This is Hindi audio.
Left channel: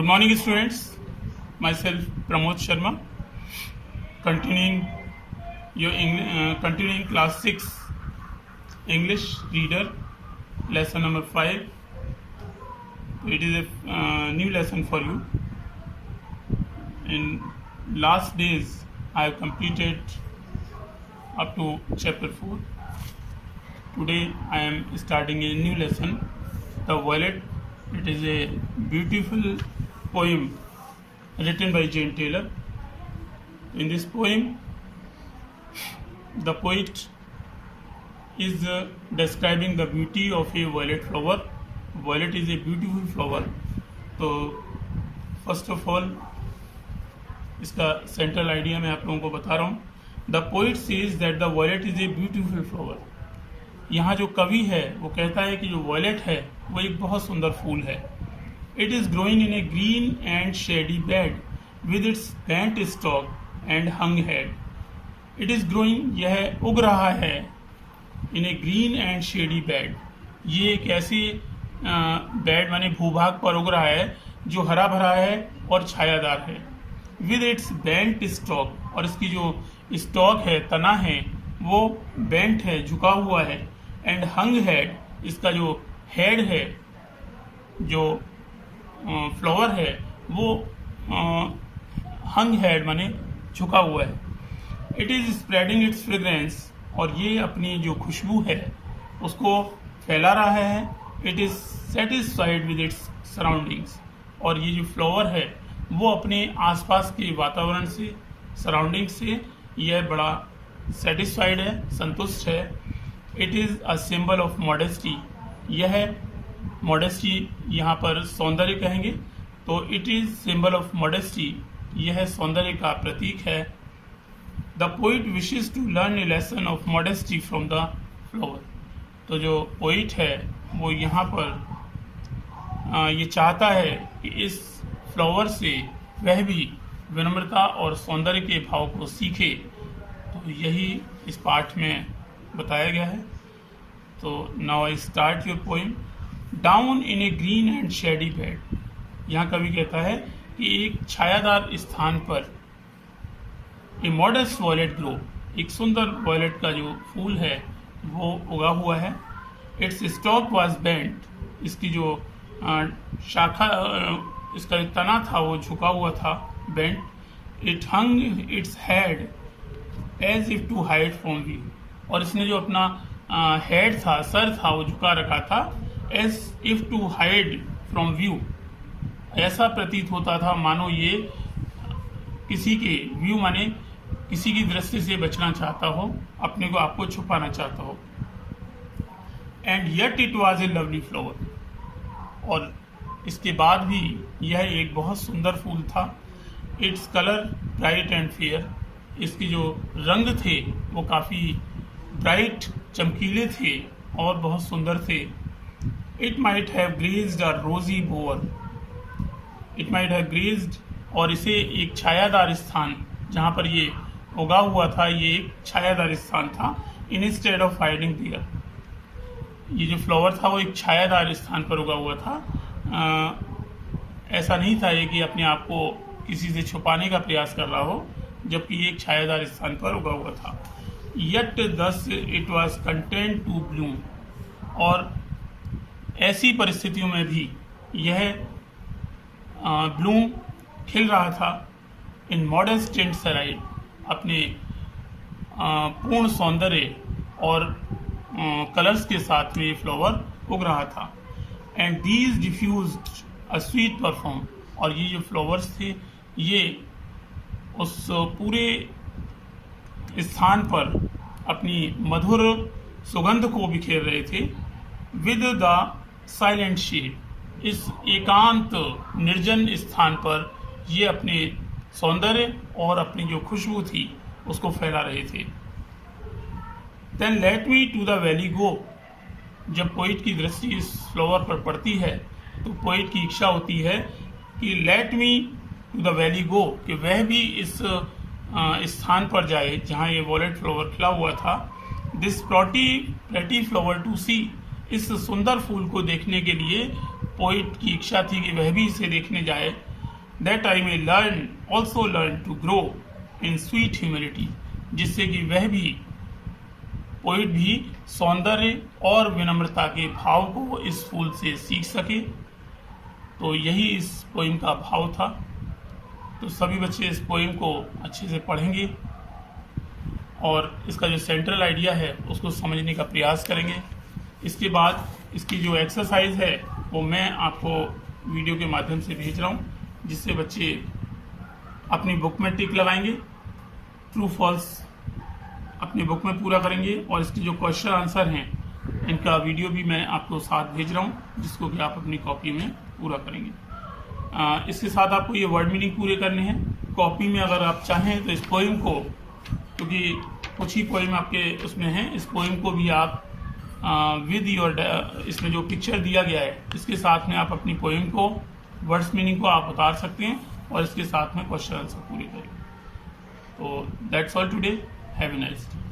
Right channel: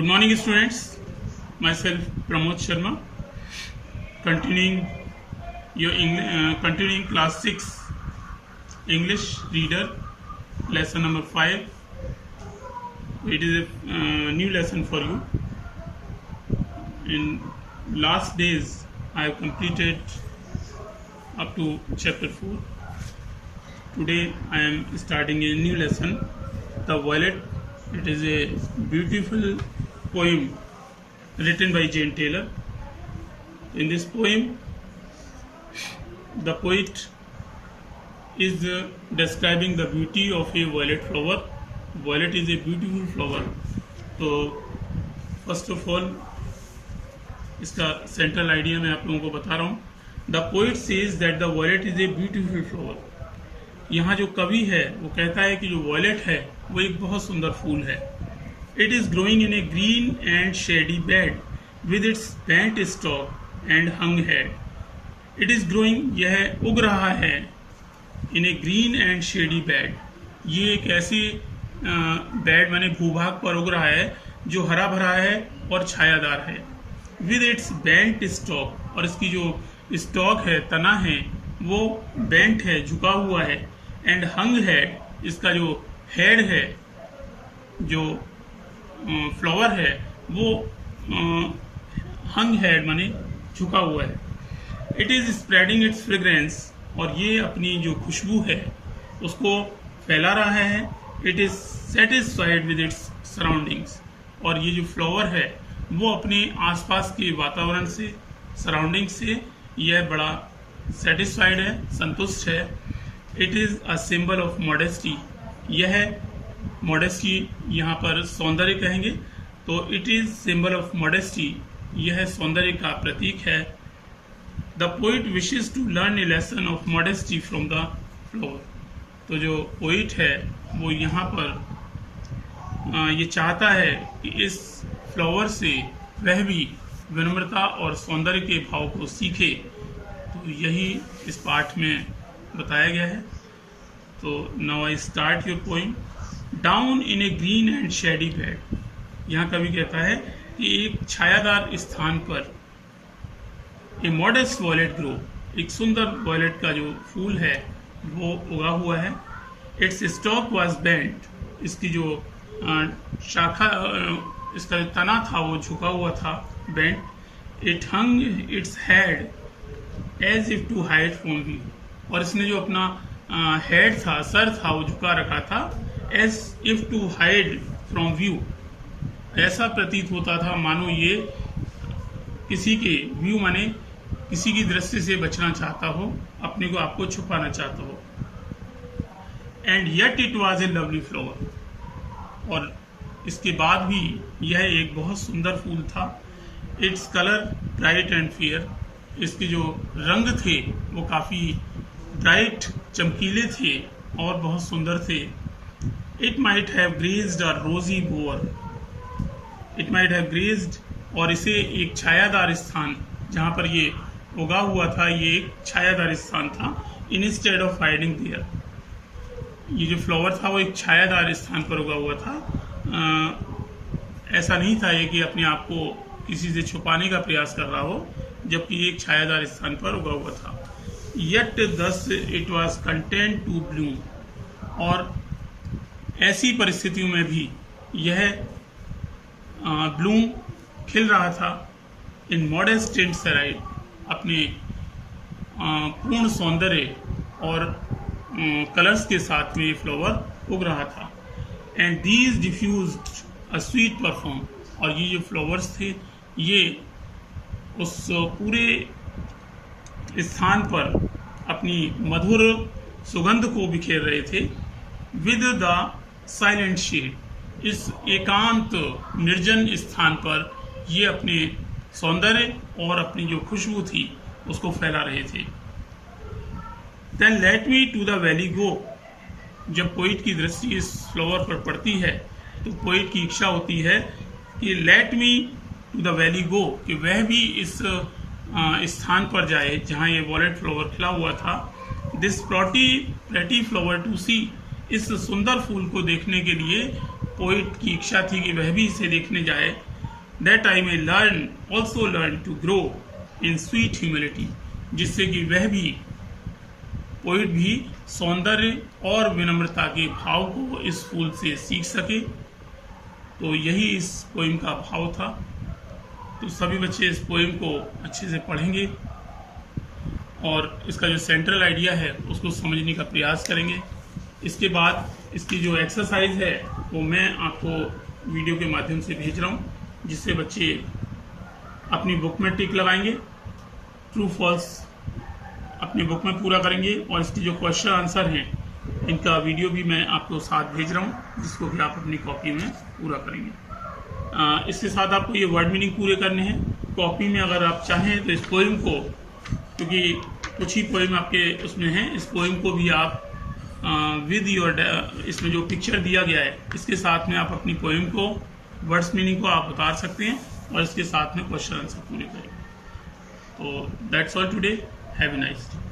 Good morning, students. Myself Pramod Sharma, continuing class 6 English reader lesson number 5. It is a new lesson for you. In last days I have completed up to chapter 4. Today I am starting a new lesson, The Violet. It is a beautiful poem written by Jane Taylor. In this poem, the poet is describing the beauty of a violet flower. Violet is a beautiful flower. तो फर्स्ट ऑफ ऑल इसका सेंट्रल आइडिया मैं आप लोगों को बता रहा हूँ. The poet says that the violet is a beautiful flower. यहाँ जो कवि है वो कहता है कि जो वॉयलेट है वो एक बहुत सुंदर फूल है. It is growing in A green and shady bed with its bent stock and hung head. It is growing, यह उग रहा है, इन ए ग्रीन एंड शेडी बेड. ये एक ऐसी बेड माने भूभाग पर उग रहा है जो हरा भरा है और छायादार है. विद इट्स बेंट स्टॉक, और इसकी जो स्टॉक है, तना है, वो बेंट है, झुका हुआ है. एंड हंग हेड, इसका जो हेड है, जो फ्लावर है, वो हंग हेड माने झुका हुआ है. It is spreading it's fragrance, और ये अपनी जो खुशबू है उसको फैला रहा है. It is satisfied with its surroundings, और ये जो फ्लावर है वो अपने आसपास के वातावरण से, सराउंडिंग से यह बड़ा सेटिस्फाइड है, संतुष्ट है. It is a symbol of modesty. यह मॉडेस्टी यहाँ पर सौंदर्य कहेंगे, तो it is symbol of modesty, यह सौंदर्य का प्रतीक है. The poet wishes to learn a lesson of modesty from the flower. तो जो पोइट है वो यहाँ पर ये चाहता है कि इस फ्लावर से वह भी विनम्रता और सौंदर्य के भाव को सीखे. तो यही इस पाठ में बताया गया है. तो now I start your poem. Down in A green and shady bed. यहाँ कवि कहता है कि एक छायादार स्थान पर ए मॉडेस्ट वॉयलेट ग्रो, एक सुंदर वॉयलेट का जो फूल है वो उगा हुआ है. इट्स स्टॉक वाज बेंट, इसकी जो शाखा, इसका जो तना था वो झुका हुआ था, bent. It hung its head as if to hide from view, और इसने जो अपना हेड था, सर था, वो झुका रखा था, as if to hide from view. ऐसा प्रतीत होता था मानो ये किसी के व्यू माने किसी की दृष्टि से बचना चाहता हो, अपने को आपको छुपाना चाहता हो. And yet it was a lovely flower, और इसके बाद भी यह एक बहुत सुंदर फूल था. Its colour bright and fair, इसके जो रंग थे वो काफ़ी ब्राइट, चमकीले थे और बहुत सुंदर थे. It might have grazed a rosy bower. It might have grazed, और इसे एक छायादार स्थान, जहाँ पर ये उगा हुआ था, ये एक छायादार स्थान था. इंस्टेड ऑफ हाइडिंग देयर, ये जो फ्लावर था वो एक छायादार स्थान पर उगा हुआ था. ऐसा नहीं था ये कि अपने आप को किसी से छुपाने का प्रयास कर रहा हो, जबकि ये एक छायादार स्थान पर उगा हुआ था. Yet thus it was content to bloom, और ऐसी परिस्थितियों में भी यह ब्लूम खिल रहा था. इन मॉडेस्ट एंड सराइड, अपने पूर्ण सौंदर्य और कलर्स के साथ में ये फ्लावर उग रहा था. And these diffused a sweet perfume, और ये जो फ्लावर्स थे ये उस पूरे स्थान पर अपनी मधुर सुगंध को बिखेर रहे थे. विद द साइलेंट शेड, इस एकांत निर्जन स्थान पर ये अपने सौंदर्य और अपनी जो खुशबू थी उसको फैला रहे थे. Then let me to the valley go. जब पोइट की दृष्टि इस फ्लावर पर पड़ती है तो पोइट की इच्छा होती है कि let me to the valley go, कि वह भी इस स्थान पर जाए जहाँ ये वॉयलेट फ्लावर खिला हुआ था. दिस प्रेटी फ्लावर टू सी, इस सुंदर फूल को देखने के लिए पोइट की इच्छा थी कि वह भी इसे देखने जाए. That I may learn also learn to grow in sweet humility, जिससे कि वह भी पोइट भी सौंदर्य और विनम्रता के भाव को इस फूल से सीख सके। तो यही इस पोइम का भाव था। तो सभी बच्चे इस पोइम को अच्छे से पढ़ेंगे और इसका जो सेंट्रल आइडिया है उसको समझने का प्रयास करेंगे। इसके बाद इसकी जो एक्सरसाइज है वो मैं आपको वीडियो के माध्यम से भेज रहा हूँ, जिससे बच्चे अपनी बुक में टिक लगाएंगे, ट्रू फॉल्स अपनी बुक में पूरा करेंगे और इसकी जो क्वेश्चन आंसर हैं इनका वीडियो भी मैं आपको साथ भेज रहा हूँ, जिसको भी आप अपनी कॉपी में पूरा करेंगे। इसके साथ आपको ये वर्ड मीनिंग पूरे करने हैं। कॉपी में अगर आप चाहें तो इस पोइम को, क्योंकि कुछ ही पोइम आपके उसमें हैं, इस पोइम को भी आप विद योर इसमें जो पिक्चर दिया गया है इसके साथ में आप अपनी पोइम को वर्ड्स मीनिंग को आप उतार सकते हैं और इसके साथ में क्वेश्चन आंसर पूरे करें। तो that's all today. Have a nice day.